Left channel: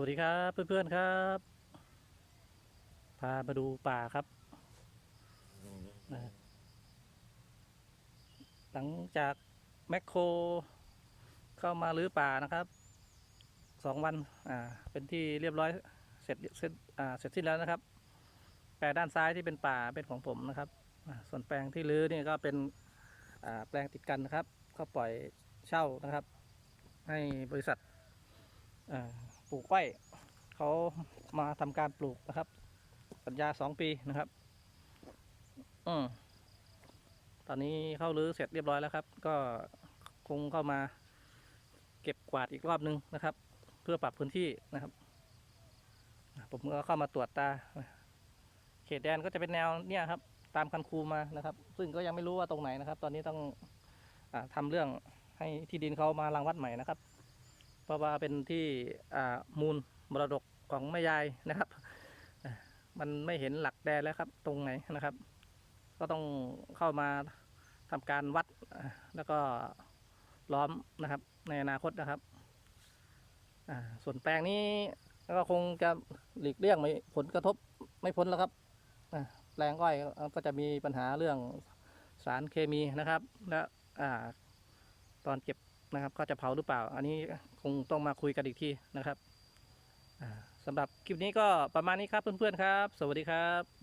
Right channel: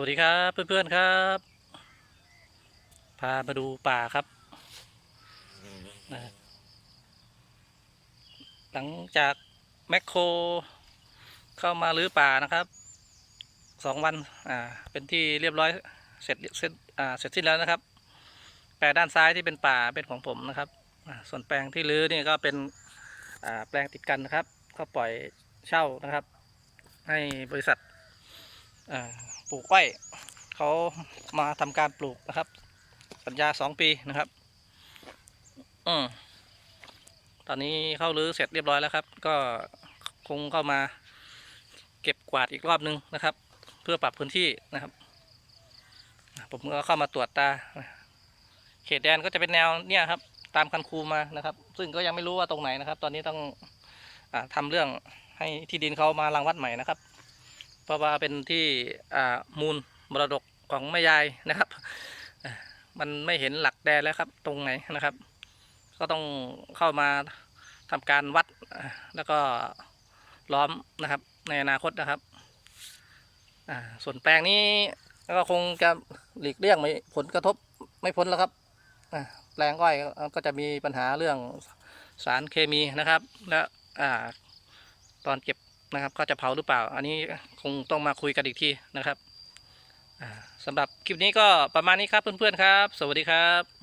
วัสดีครับเพื่อนๆครับ พามาดูป่าครับนะหลังจากแมคโคร เข้ามารื้อป่านะครับสองวันอ่าเป็นที่เรียบร้อยเสร็จเสร็จอ่าเสร็จสิ้นแล้วนะครับ แปลงด้านซ้ายที่เป็นป่าเป็นของผมนะครับอ่าส่วนแปลงที่รื้อนี่ก็เป็นอ่าแปลงติดกันนะครับ ก็ปล่อยเช่านะครับ ให้บริษัท ปลูกอ้อยเขามาทำการปลูกนะครับ สัญญาสองปีนะครับอืมตอนนี้เข้ารื้อเสร็จเรียบร้อยแล้วครับ ก็คงเข้ามาเก็บกวาดอีกรอบนึงนะครับ เพื่อปรับพื้นที่นะครับ ผมก็เข้ามาตรวจตา เขตแดนก็จะเป็นแนวเนี่ยครับ ตามคันคูมานะครับ ซึ่งก็ยังไม่รู้ว่าตรงไหนนะครับ ตอนนี้ต้องอาทำเรื่องให้ที่ดินเขามารังวัดใหม่นะครับ เพราะว่าเป็นที่มูลมรดกของแม่ยายนะครับ มันไม่เห็นหลักแดนแล้วครับ ตรงไหนนะครับ ก็ต้องเข้ามาทำการวัดแล้วก็ล้อมนะครับ ในอนาคตนะครับส่วนแปลงนี้ก็คงจะหลีกเลี่ยงไม่ผลกระทบไม่พ้นแล้วครับแปลงอ้อยก็จะมีปัญหาเรื่องสารเคมีนะครับ และตอนเก็บ นะครับก็จะเผาหรือเปล่า อันนี้คงต้องมาคุยกันอีกทีนะครับสำหรับคลิปนี้ก็ประมาณนี้ครับเพื่อนๆครับ สวัสดีครับ